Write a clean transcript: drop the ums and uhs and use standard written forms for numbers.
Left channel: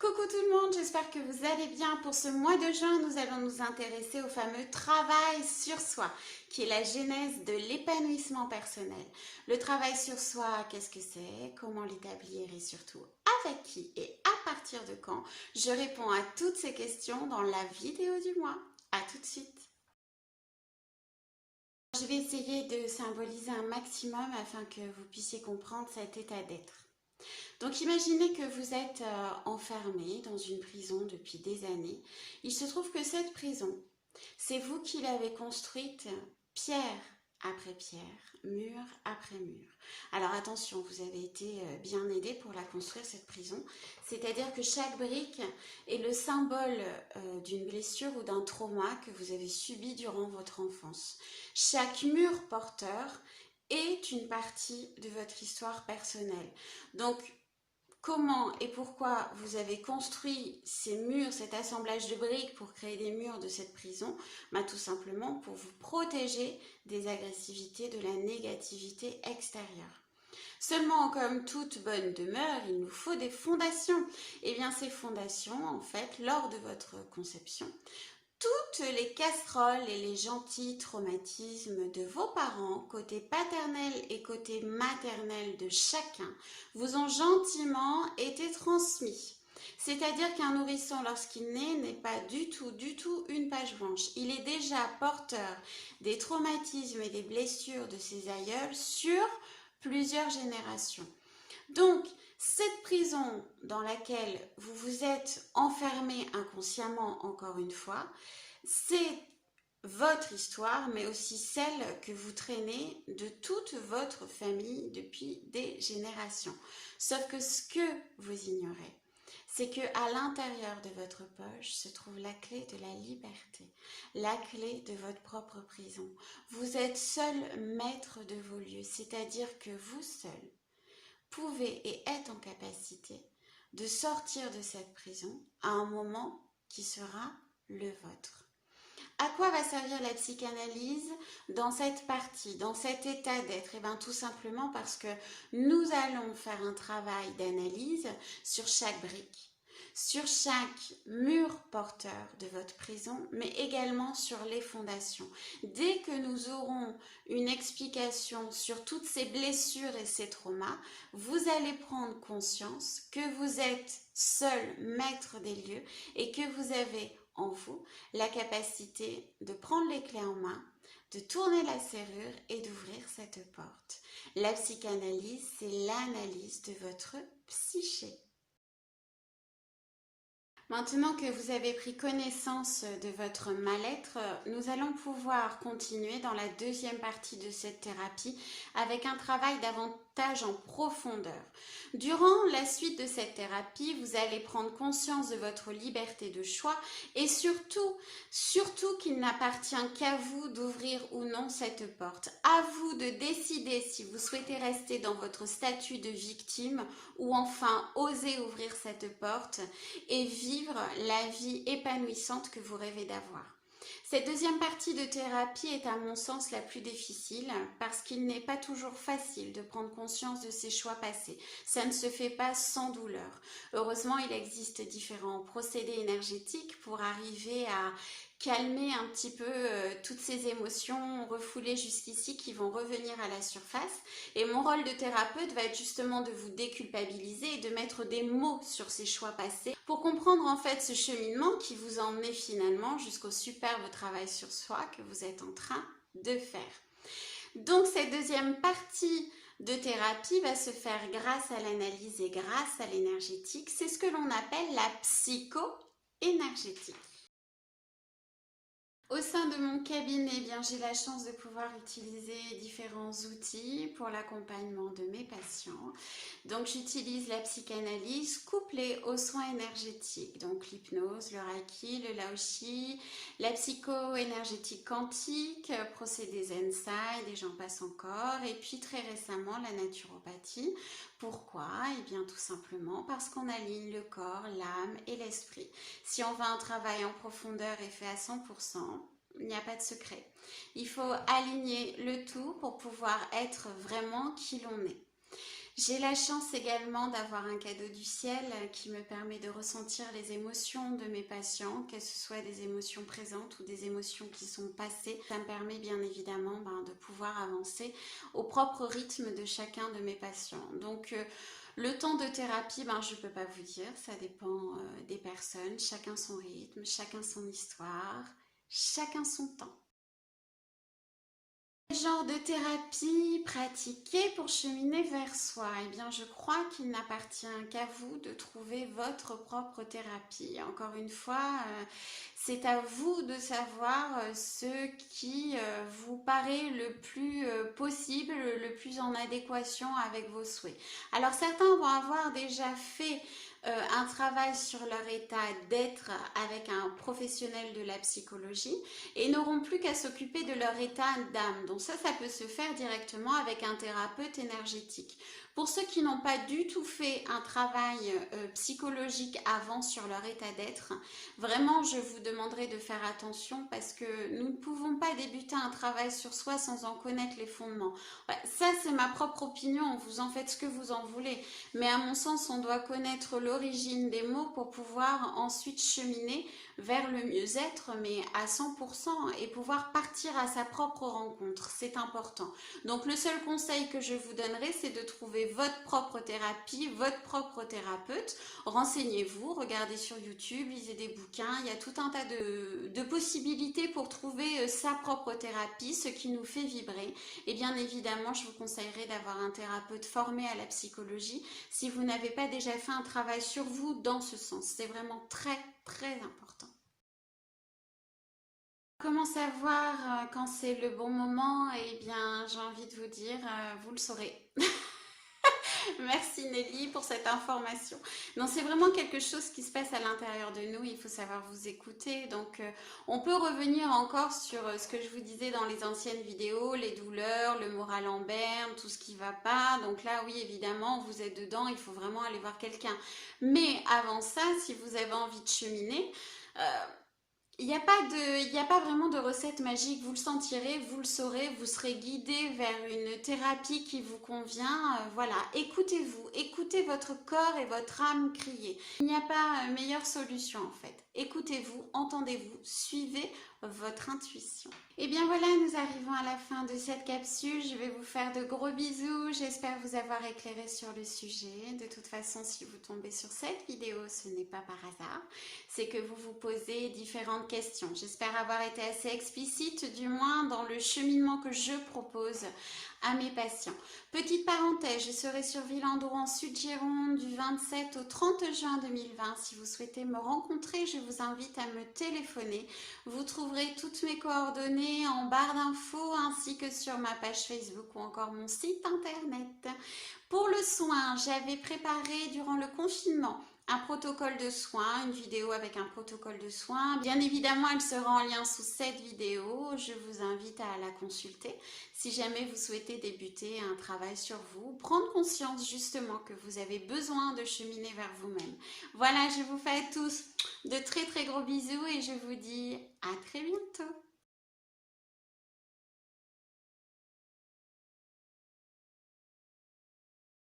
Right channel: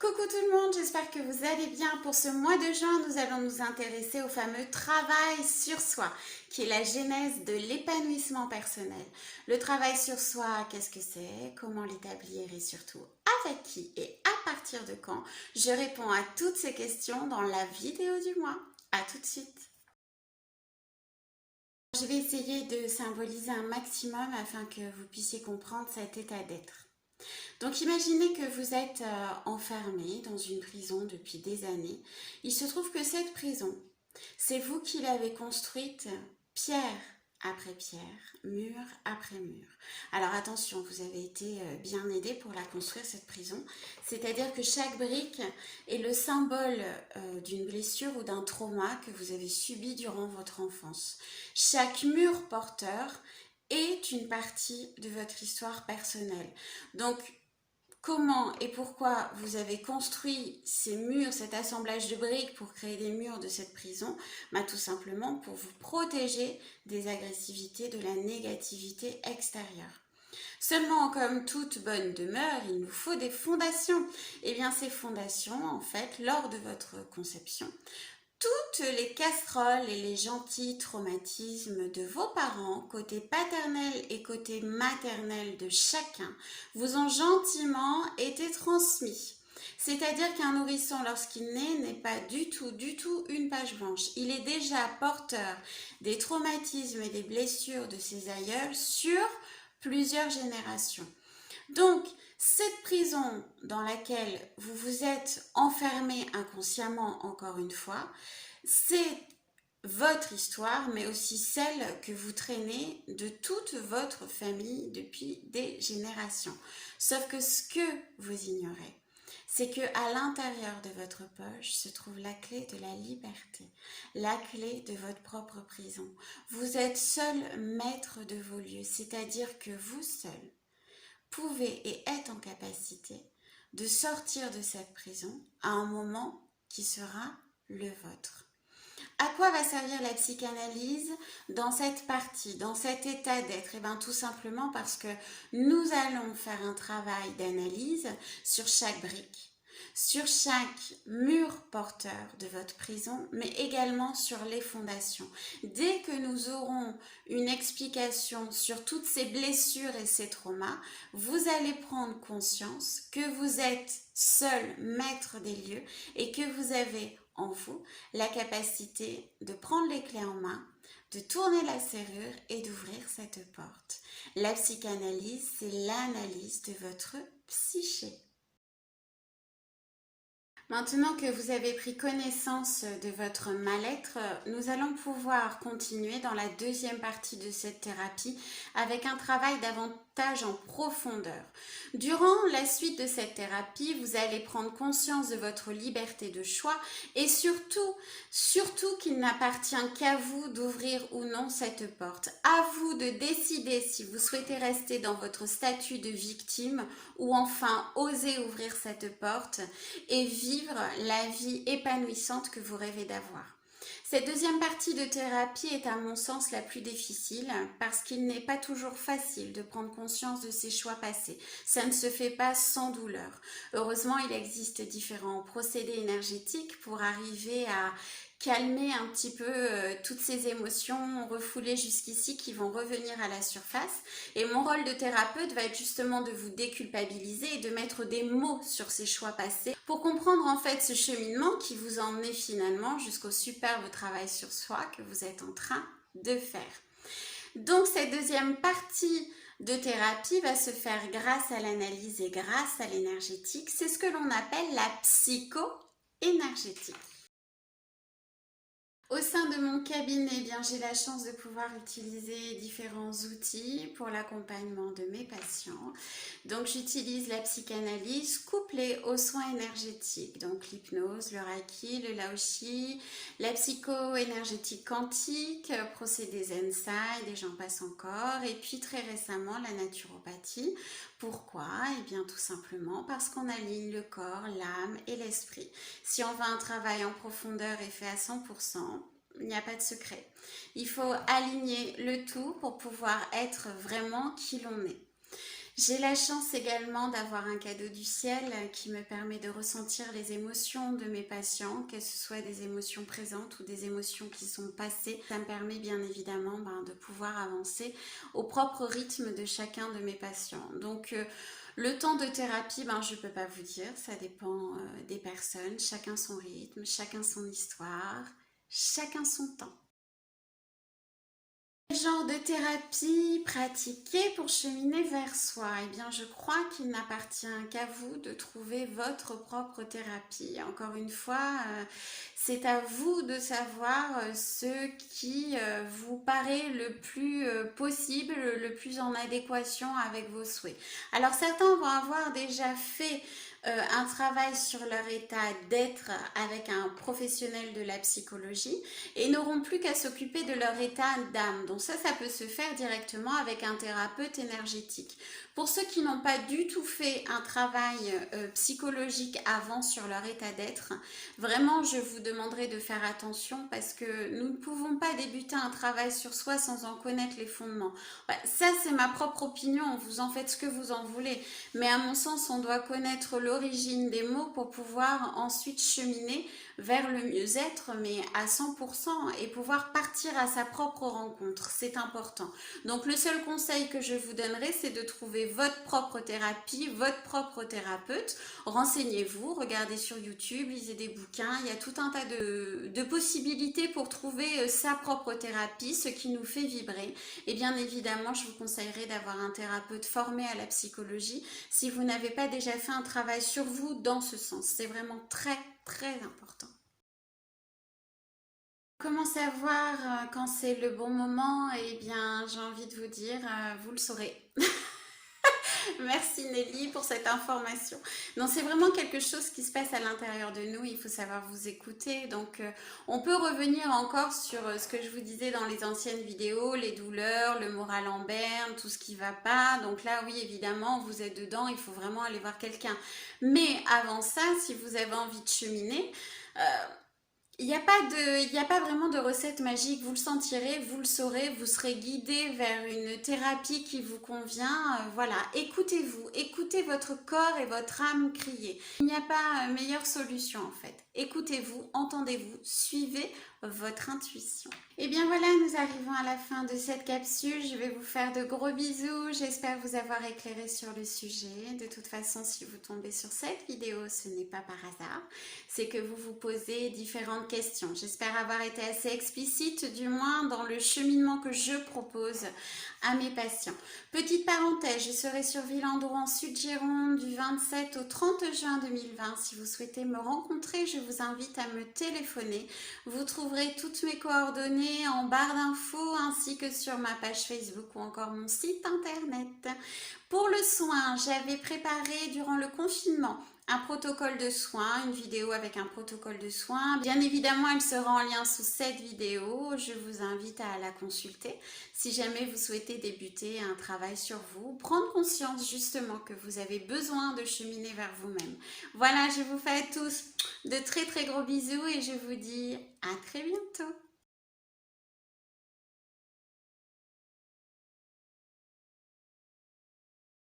Coucou tout le monde, j'espère que vous allez bien. Pour ce mois de juin, nous allons nous intéresser au fameux travail sur soi, qui est la genèse de l'épanouissement personnel. Le travail sur soi, qu'est-ce que c'est? Comment l'établir et surtout avec qui et à partir de quand? Je réponds à toutes ces questions dans la vidéo du mois. À tout de suite. Je vais essayer de symboliser un maximum afin que vous puissiez comprendre cet état d'être. Donc imaginez que vous êtes enfermé dans une prison depuis des années. Il se trouve que cette prison, c'est vous qui l'avez construite pierre après pierre, mur après mur. Alors attention, vous avez été bien aidé pour la construire cette prison. C'est-à-dire que chaque brique est le symbole d'une blessure ou d'un trauma que vous avez subi durant votre enfance. Chaque mur porteur est une partie de votre histoire personnelle. Donc comment et pourquoi vous avez construit ces murs, cet assemblage de briques pour créer des murs de cette prison? Tout simplement pour vous protéger des agressivités, de la négativité extérieure. Seulement, comme toute bonne demeure, il nous faut des fondations. Et bien ces fondations, en fait, lors de votre conception, toutes les casseroles et les gentils traumatismes de vos parents, côté paternel et côté maternel de chacun, vous ont gentiment été transmis. C'est-à-dire qu'un nourrisson, lorsqu'il naît, n'est pas du tout une page blanche. Il est déjà porteur des traumatismes et des blessures de ses aïeuls sur plusieurs générations. Donc, cette prison dans laquelle vous vous êtes enfermé inconsciemment, encore une fois, c'est votre histoire, mais aussi celle que vous traînez de toute votre famille depuis des générations. Sauf que ce que vous ignorez, c'est qu'à l'intérieur de votre poche se trouve la clé de la liberté, la clé de votre propre prison. Vous êtes seul maître de vos lieux, c'est-à-dire que vous seul pouvez et êtes en capacité de sortir de cette prison à un moment qui sera le vôtre. À quoi va servir la psychanalyse dans cette partie, dans cet état d'être? Eh bien, tout simplement parce que nous allons faire un travail d'analyse sur chaque brique, sur chaque mur porteur de votre prison, mais également sur les fondations. Dès que nous aurons une explication sur toutes ces blessures et ces traumas, vous allez prendre conscience que vous êtes seul maître des lieux et que vous avez en vous la capacité de prendre les clés en main, de tourner la serrure et d'ouvrir cette porte. La psychanalyse, c'est l'analyse de votre psyché. Maintenant que vous avez pris connaissance de votre mal-être, nous allons pouvoir continuer dans la deuxième partie de cette thérapie avec un travail davantage en profondeur. Durant la suite de cette thérapie, vous allez prendre conscience de votre liberté de choix et surtout qu'il n'appartient qu'à vous d'ouvrir ou non cette porte. À vous de décider si vous souhaitez rester dans votre statut de victime ou enfin oser ouvrir cette porte et vivre la vie épanouissante que vous rêvez d'avoir. Cette deuxième partie de thérapie est à mon sens la plus difficile parce qu'il n'est pas toujours facile de prendre conscience de ses choix passés. Ça ne se fait pas sans douleur. Heureusement, il existe différents procédés énergétiques pour arriver à calmer un petit peu toutes ces émotions refoulées jusqu'ici qui vont revenir à la surface. Et mon rôle de thérapeute va être justement de vous déculpabiliser et de mettre des mots sur ces choix passés pour comprendre en fait ce cheminement qui vous a emmené finalement jusqu'au superbe travail sur soi que vous êtes en train de faire. Donc cette deuxième partie de thérapie va se faire grâce à l'analyse et grâce à l'énergétique. C'est ce que l'on appelle la psycho-énergétique. Au sein de mon cabinet, eh bien, j'ai la chance de pouvoir utiliser différents outils pour l'accompagnement de mes patients. Donc j'utilise la psychanalyse couplée aux soins énergétiques, donc l'hypnose, le reiki, le laoshi, la psycho-énergétique quantique, procédés Zenside et j'en passe encore. Et puis très récemment la naturopathie. Pourquoi? Eh bien tout simplement parce qu'on aligne le corps, l'âme et l'esprit. Si on veut un travail en profondeur et fait à 100%, il n'y a pas de secret. Il faut aligner le tout pour pouvoir être vraiment qui l'on est. J'ai la chance également d'avoir un cadeau du ciel qui me permet de ressentir les émotions de mes patients, que ce soit des émotions présentes ou des émotions qui sont passées. Ça me permet bien évidemment de pouvoir avancer au propre rythme de chacun de mes patients. Donc le temps de thérapie, je ne peux pas vous dire, ça dépend des personnes, chacun son rythme, chacun son histoire, chacun son temps. Quel genre de thérapie pratiquer pour cheminer vers soi? Eh bien, je crois qu'il n'appartient qu'à vous de trouver votre propre thérapie. Encore une fois, c'est à vous de savoir ce qui vous paraît le plus possible, le plus en adéquation avec vos souhaits. Alors, certains vont avoir déjà fait un travail sur leur état d'être avec un professionnel de la psychologie et n'auront plus qu'à s'occuper de leur état d'âme. Donc ça peut se faire directement avec un thérapeute énergétique. Pour ceux qui n'ont pas du tout fait un travail psychologique avant sur leur état d'être, vraiment je vous demanderai de faire attention parce que nous ne pouvons pas débuter un travail sur soi sans en connaître les fondements. Ça c'est ma propre opinion, vous en faites ce que vous en voulez, mais à mon sens on doit connaître l'origine des mots pour pouvoir ensuite cheminer vers le mieux-être, mais à 100% et pouvoir partir à sa propre rencontre. C'est important. Donc le seul conseil que je vous donnerai, c'est de trouver votre propre thérapie, votre propre thérapeute. Renseignez-vous, regardez sur YouTube, lisez des bouquins. Il y a tout un tas de possibilités pour trouver sa propre thérapie, ce qui nous fait vibrer. Et bien évidemment, je vous conseillerais d'avoir un thérapeute formé à la psychologie si vous n'avez pas déjà fait un travail sur vous dans ce sens. C'est vraiment très, très important. Comment savoir quand c'est le bon moment? Eh bien, j'ai envie de vous dire, vous le saurez. Merci Nelly pour cette information. Non, c'est vraiment quelque chose qui se passe à l'intérieur de nous. Il faut savoir vous écouter. Donc, on peut revenir encore sur ce que je vous disais dans les anciennes vidéos, les douleurs, le moral en berne, tout ce qui va pas. Donc là, oui, évidemment, vous êtes dedans. Il faut vraiment aller voir quelqu'un. Mais avant ça, si vous avez envie de cheminer, il n'y a pas vraiment de recette magique, vous le sentirez, vous le saurez, vous serez guidé vers une thérapie qui vous convient. Voilà, écoutez-vous, écoutez votre corps et votre âme crier. Il n'y a pas meilleure solution en fait. Écoutez-vous, entendez-vous, suivez votre intuition. Et bien voilà, nous arrivons à la fin de cette capsule. Je vais vous faire de gros bisous. J'espère vous avoir éclairé sur le sujet. De toute façon, si vous tombez sur cette vidéo, ce n'est pas par hasard. C'est que vous vous posez différentes questions. J'espère avoir été assez explicite, du moins dans le cheminement que je propose à mes patients. Petite parenthèse, je serai sur Villandreau en Sud-Gironde du 27 au 30 juin 2020. Si vous souhaitez me rencontrer, je vous invite à me téléphoner. Vous trouverez toutes mes coordonnées en barre d'infos ainsi que sur ma page Facebook ou encore mon site internet. Pour le soin, j'avais préparé durant le confinement un protocole de soins, une vidéo avec un protocole de soins. Bien évidemment, elle sera en lien sous cette vidéo. Je vous invite à la consulter si jamais vous souhaitez débuter un travail sur vous, prendre conscience justement que vous avez besoin de cheminer vers vous-même. Voilà, je vous fais à tous de très très gros bisous et je vous dis à très bientôt.